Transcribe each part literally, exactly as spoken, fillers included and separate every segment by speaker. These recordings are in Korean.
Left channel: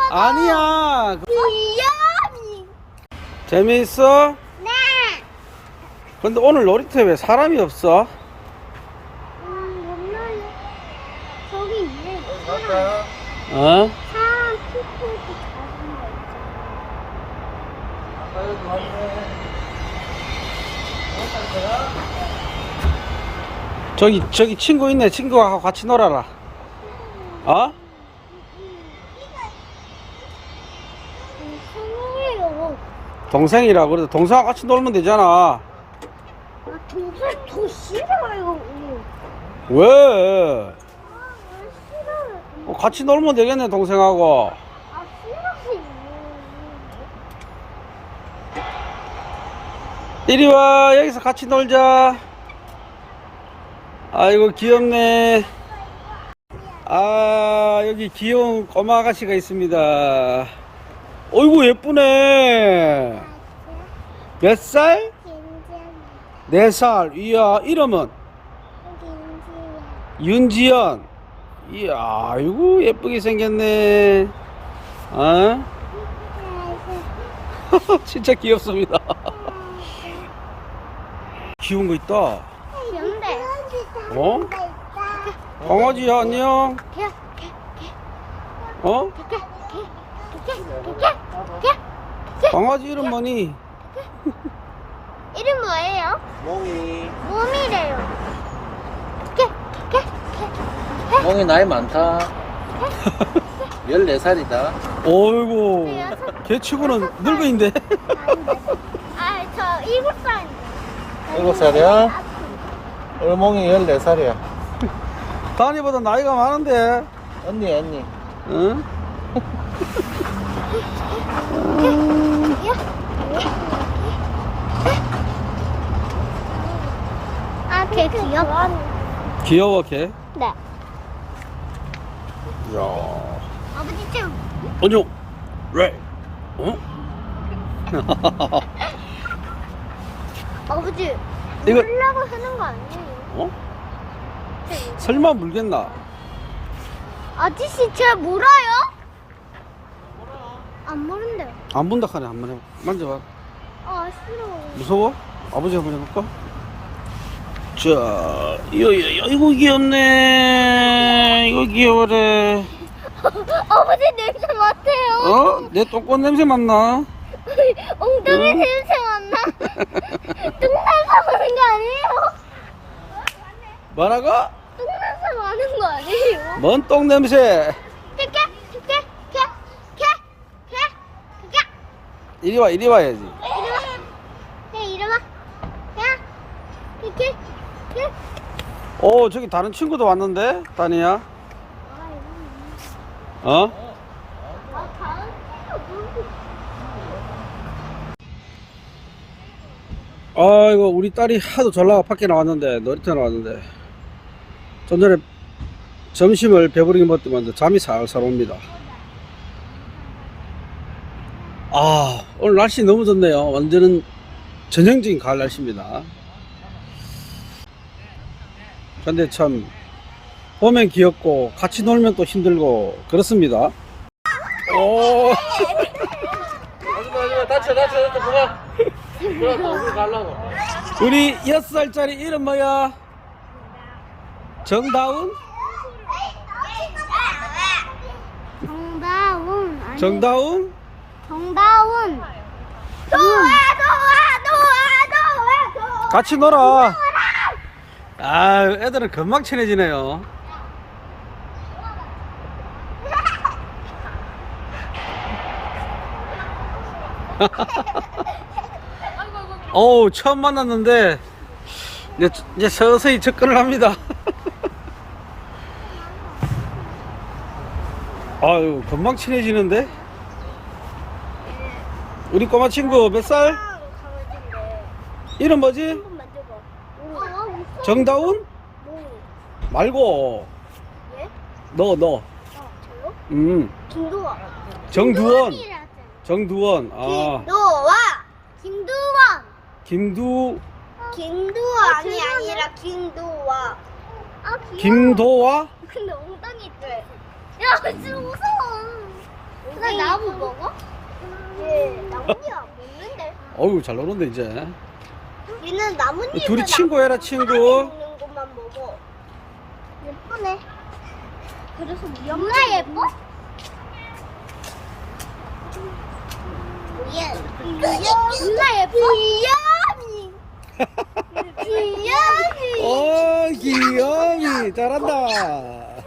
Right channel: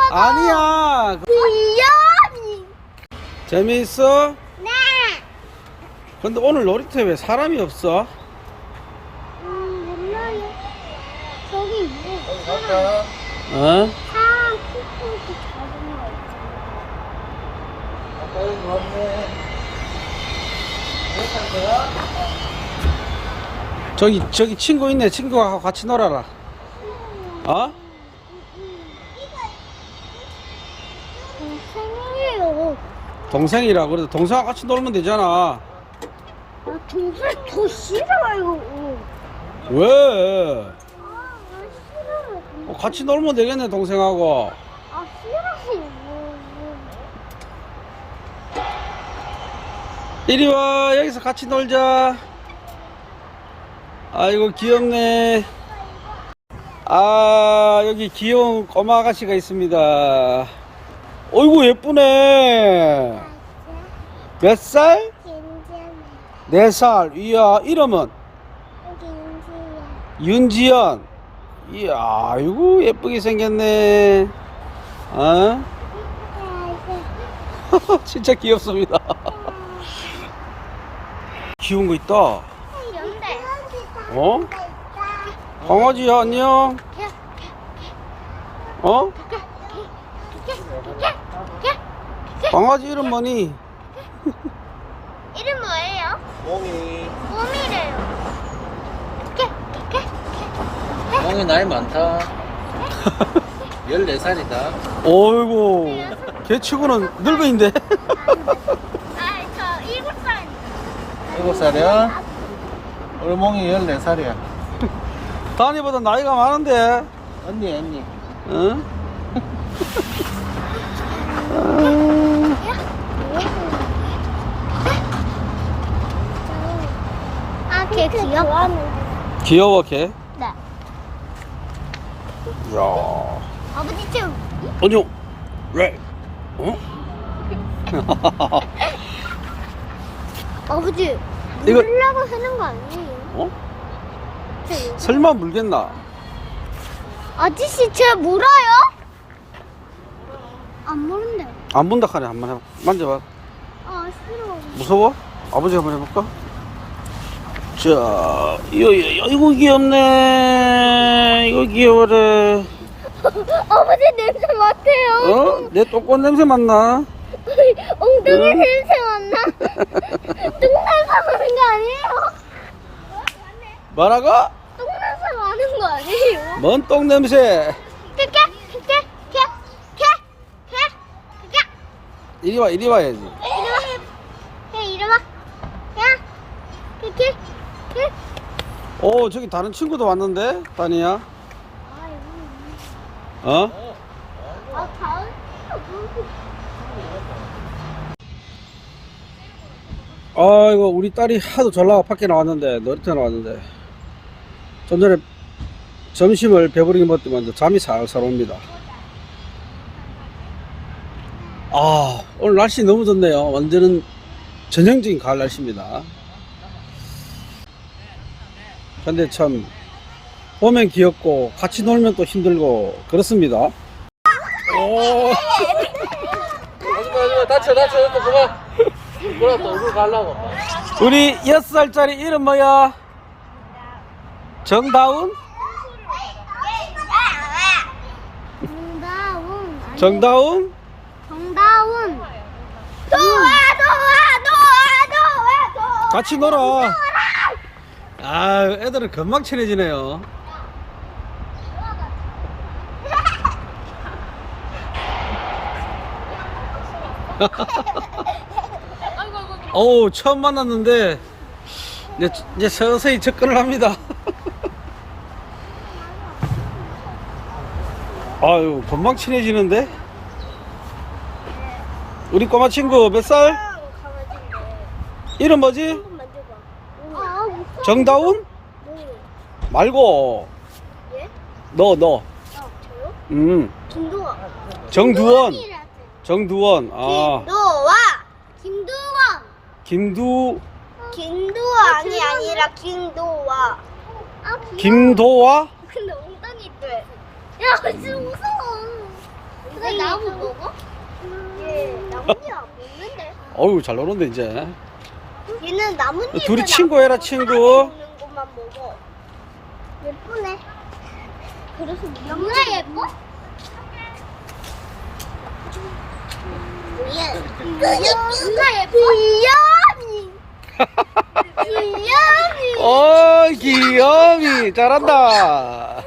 Speaker 1: 아니야.
Speaker 2: 귀여워.
Speaker 1: 재미있어?
Speaker 2: 네.
Speaker 1: 근데 오늘 놀이터에 왜 사람이 없어?
Speaker 2: 음, 옛날에 저기 있네. 사람.
Speaker 1: 어?
Speaker 2: 사람 피부도 작은 거 있잖아요.
Speaker 1: 저기 저기 친구 있네. 친구하고 같이 놀아라. 어?
Speaker 2: 동생이에요.
Speaker 1: 동생이라 그래도 동생하고 같이 놀면 되잖아.
Speaker 2: 아, 동생 더 싫어요.
Speaker 1: 왜?
Speaker 2: 아, 아 싫어요.
Speaker 1: 어, 같이 놀면 되겠네 동생하고.
Speaker 2: 아, 싫어요.
Speaker 1: 이리 와. 여기서 같이 놀자. 아이고 귀엽네. 아 여기 귀여운 꼬마 아가씨가 있습니다. 어이구 예쁘네. 몇 살?
Speaker 2: 김지연.
Speaker 1: 네 살. 이야 이름은?
Speaker 2: 김지연.
Speaker 1: 윤지연. 이야 아이고 예쁘게 생겼네. 어? 진짜 귀엽습니다. 귀여운 거 있다.
Speaker 2: 귀엽네.
Speaker 1: 어? 강아지야 안녕. 어? 강아지 이름 뭐니?
Speaker 2: 이름 뭐예요?
Speaker 3: 몽이.
Speaker 2: 몽이래요.
Speaker 3: 몽이 나이 많다. 열네 살이다.
Speaker 1: 어이구 걔 치고는 늙은인데.
Speaker 2: 아, 저 일곱 살입니다.
Speaker 3: 일곱 살이야? 우리 몽이 열네 살이야.
Speaker 1: 다니보다 나이가 많은데.
Speaker 3: 언니, 언니.
Speaker 1: 응?
Speaker 2: 아, 걔 귀엽다.
Speaker 1: 귀여워 걔.
Speaker 2: 네.
Speaker 1: 이야
Speaker 2: 아버지 좀.
Speaker 1: 안녕. 왜? 어?
Speaker 2: 아버지.
Speaker 1: 이거-
Speaker 2: 물려고 하는 거 아니에요?
Speaker 1: 어? 설마 물겠나?
Speaker 2: 아저씨 쟤 물어요? 안 물은데요.
Speaker 1: 안 문다 카네. 한번 해봐. 만져봐.
Speaker 2: 아, 싫어.
Speaker 1: 무서워? 아버지 한번 해볼까? 자, 이거, 이거, 이거 귀엽네. 이거 귀여워래.
Speaker 2: 아버지 냄새 맡아요.
Speaker 1: 어? 내 똥꼬 냄새 맡나?
Speaker 2: 엉덩이
Speaker 1: 응?
Speaker 2: 냄새 맡나? 똥 냄새 맡는 거 아니에요?
Speaker 1: 뭐라고?
Speaker 2: 똥 냄새 맡는 거 아니에요?
Speaker 1: 뭔 똥 냄새?
Speaker 2: 깨깨 깨깨 깨깨깨깨깨
Speaker 1: 이리 와, 이리 와야지.
Speaker 2: 이리 와. 야, 이리 와. 야. 깨깨 깨.
Speaker 1: 오, 저기 다른 친구도 왔는데? 다니야?
Speaker 2: 아, 여기.
Speaker 1: 어?
Speaker 2: 아, 다음 친구.
Speaker 1: 아이고, 우리 딸이 하도 전라가 밖에 나왔는데, 놀이터 나왔는데, 좀 전에 점심을 배부르게 먹더만 잠이 살살 옵니다. 아, 오늘 날씨 너무 좋네요. 완전은 전형적인 가을 날씨입니다. 근데 참, 보면 귀엽고, 같이 놀면 또 힘들고, 그렇습니다. 오,
Speaker 3: 다쳐, 다쳐, 이거 그만. 그래, 또 우리 가려고.
Speaker 1: 우리 여섯 살짜리 이름 뭐야? 정다운?
Speaker 2: 정다운. 아니,
Speaker 1: 정다운?
Speaker 2: 정다운. 좋아, 좋아, 좋아, 좋아, 좋아.
Speaker 1: 같이 놀아. 아, 애들은 금방 친해지네요. 어우, 처음 만났는데 이제, 이제 서서히 접근을 합니다. 아유, 금방 친해지는데? 우리 꼬마 친구 몇 살?
Speaker 2: 강아지인데.
Speaker 1: 이름 뭐지?
Speaker 2: 한번 만져봐. 아, 무서워.
Speaker 1: 정다운?
Speaker 2: 뭐?
Speaker 1: 말고
Speaker 2: 예?
Speaker 1: 너 너.
Speaker 2: 아, 저요?
Speaker 1: 음.
Speaker 2: 김도아.
Speaker 1: 정두원.
Speaker 2: 김도원이라 하잖아.
Speaker 1: 정두원. 아.
Speaker 2: 김도아. 김두원.
Speaker 1: 김두
Speaker 2: 김도아이 아니라 김도아. 아, 귀여워.
Speaker 1: 김도와?
Speaker 2: 근데 엉덩이 돼. 야, 진짜 무서워. 나 얘가 나무 먹어? 얘 나뭇잎 안 먹는데.
Speaker 1: 어우, 잘 노는데, 이제.
Speaker 2: 얘는 나뭇잎.
Speaker 1: 둘이 친구해라, 친구.
Speaker 2: 먹는 것만 먹어. 예쁘네. 그래서 누나 예뻐? 누나 예뻐? 귀염이. 귀염이.
Speaker 1: 어, 귀염이. 잘한다.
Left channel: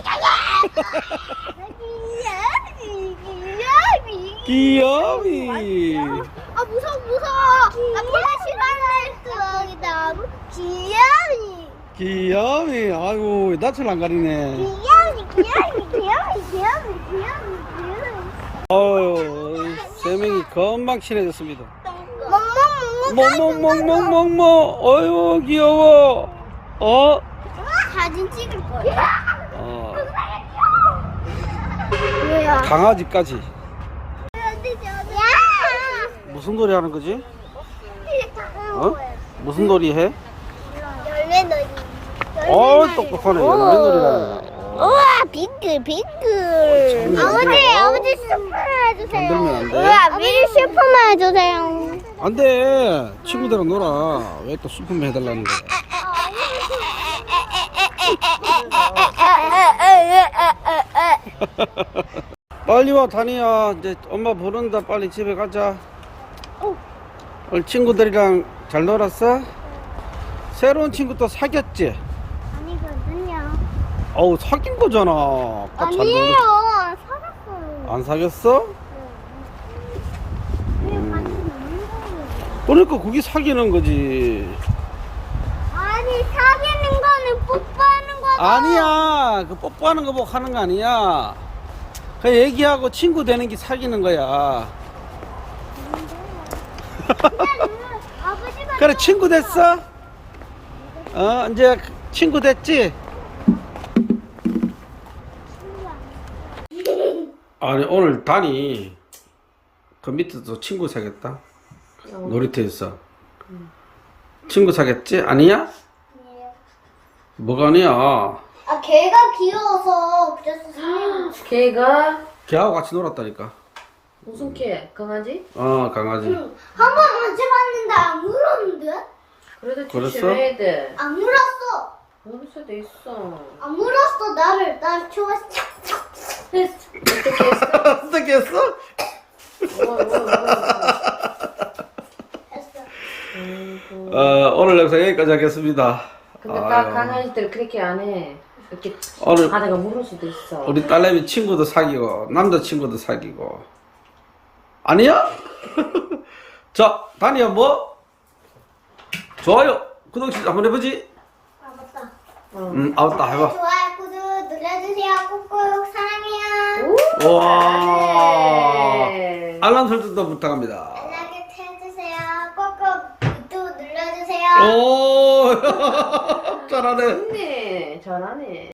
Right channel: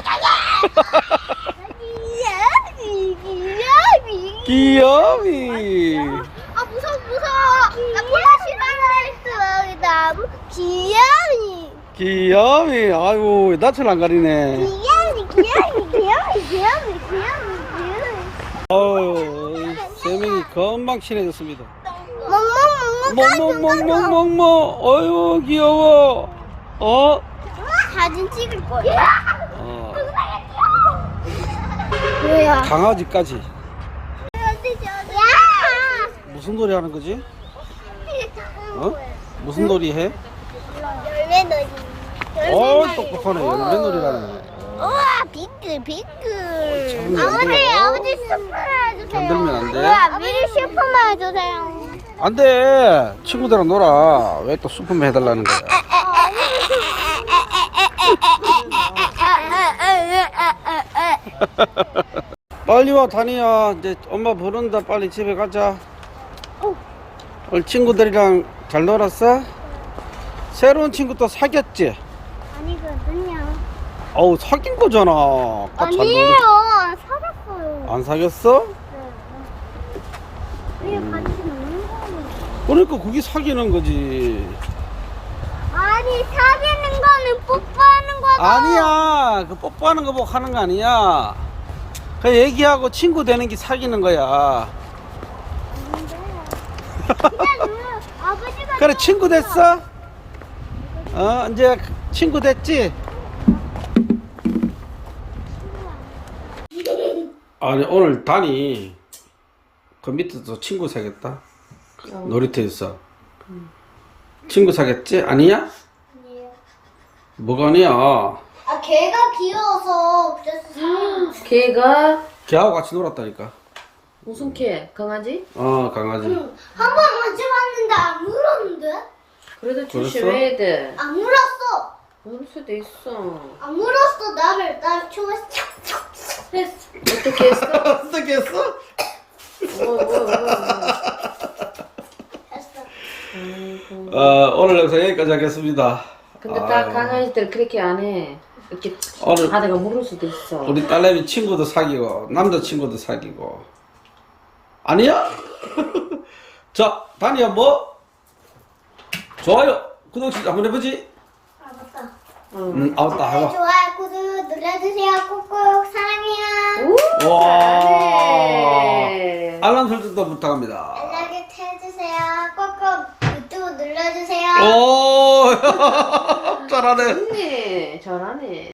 Speaker 2: 귀염이. 귀염이.
Speaker 1: 귀염이.
Speaker 2: 아 무서워 무서워. 나 플래시 싫어했어. 나무 귀염이.
Speaker 1: 귀염이. 아이고, 낯을 안 가리네.
Speaker 2: 귀염이 귀염이 귀염이 귀염이 귀염이 귀염이.
Speaker 1: 어우, 세 명이 금방 친해졌습니다.
Speaker 2: 멍멍멍멍.
Speaker 1: 멍멍멍멍멍멍. 어휴, 귀여워. 어?
Speaker 2: 사진 찍을 거야.
Speaker 1: 어,
Speaker 2: 뭐야?
Speaker 1: 강아지까지.
Speaker 2: 야!
Speaker 1: 무슨 놀이 하는 거지? 어? 무슨 놀이 해?
Speaker 2: 열매놀이.
Speaker 1: 어, 똑똑하네. 열매놀이라네. 어.
Speaker 2: 우와, 비글 비글.
Speaker 1: 참네, 안
Speaker 2: 아버지,
Speaker 1: 돼요.
Speaker 2: 아버지 슈퍼만 해주세요.
Speaker 1: 건들면 안 돼?
Speaker 2: 우와, 미리 슈퍼만 해주세요.
Speaker 1: 안 돼. 친구들이랑 놀아. 왜 또 슈퍼맨 해달라는 거야? 빨리 와, 다니야. 이제 엄마 부른다. 빨리 집에 가자.
Speaker 2: 어.
Speaker 1: 오늘 친구들이랑 잘 놀았어? 새로운 친구 또 사귀었지?
Speaker 2: 아니거든요.
Speaker 1: 어우, 사귄 거잖아. 아까 잘
Speaker 2: 아니에요.
Speaker 1: 놀았-
Speaker 2: 살았어요.
Speaker 1: 안 사귀었어?
Speaker 2: 네. 그냥 같이 노는 거예요.
Speaker 1: 그러니까 그게 사귀는 거지.
Speaker 2: 아니, 사귀는 거는 뽀뽀하는 거고.
Speaker 1: 아니야. 그 뽀뽀하는 거 보고 하는 거 아니야. 그 얘기하고 친구 되는 게 사귀는 거야.
Speaker 2: 그냥 아버지가
Speaker 1: 그래, 친구 됐어? 어, 이제 친구 됐지? 아니, 오늘 다니 그 밑에도 친구 사겠다. 놀이터에서. 친구 사겠지? 아니야? 뭐가 아니야?
Speaker 2: 아, 걔가 귀여워서 그래서 사귀는 거.
Speaker 4: 걔가
Speaker 1: 걔하고 같이 놀았다니까.
Speaker 4: 무슨 걔? 강아지?
Speaker 1: 어, 강아지.
Speaker 2: 한 번 만져봤는데 안 물었는데?
Speaker 4: 그래도
Speaker 1: 그랬어?
Speaker 4: 조심해야 돼.
Speaker 2: 안 물었어.
Speaker 4: 모를 수도 있어.
Speaker 2: 안 물었어. 나를 나를 좋아했어. 했어.
Speaker 4: 어떻게 했어?
Speaker 1: 어떻게 했어?
Speaker 4: 어, 어,
Speaker 2: 했어.
Speaker 4: 어.
Speaker 1: 어, 오늘 영상 여기까지 하겠습니다.
Speaker 4: 근데
Speaker 1: 아유.
Speaker 4: 딱 강아지들 그렇게 안 해. 이렇게
Speaker 1: 오늘-
Speaker 4: 바다가 물을 수도 있어.
Speaker 1: 우리 딸내미 친구도 사귀고 남자친구도 사귀고 아니야? 자, 다니야 뭐? 좋아요 구독 한번 해보지.
Speaker 2: 아 맞다.
Speaker 1: 음, 아웃다 해봐.
Speaker 2: 좋아요, 구독 눌러주세요. 꼭꼭 사랑해요.
Speaker 1: 와,
Speaker 4: 네.
Speaker 1: 알람 설정도 부탁합니다.
Speaker 2: 알람 해주세요. 꼭꼭 유튜브 눌러주세요.
Speaker 1: 오, 잘하네.
Speaker 4: 좋네. 잘하네.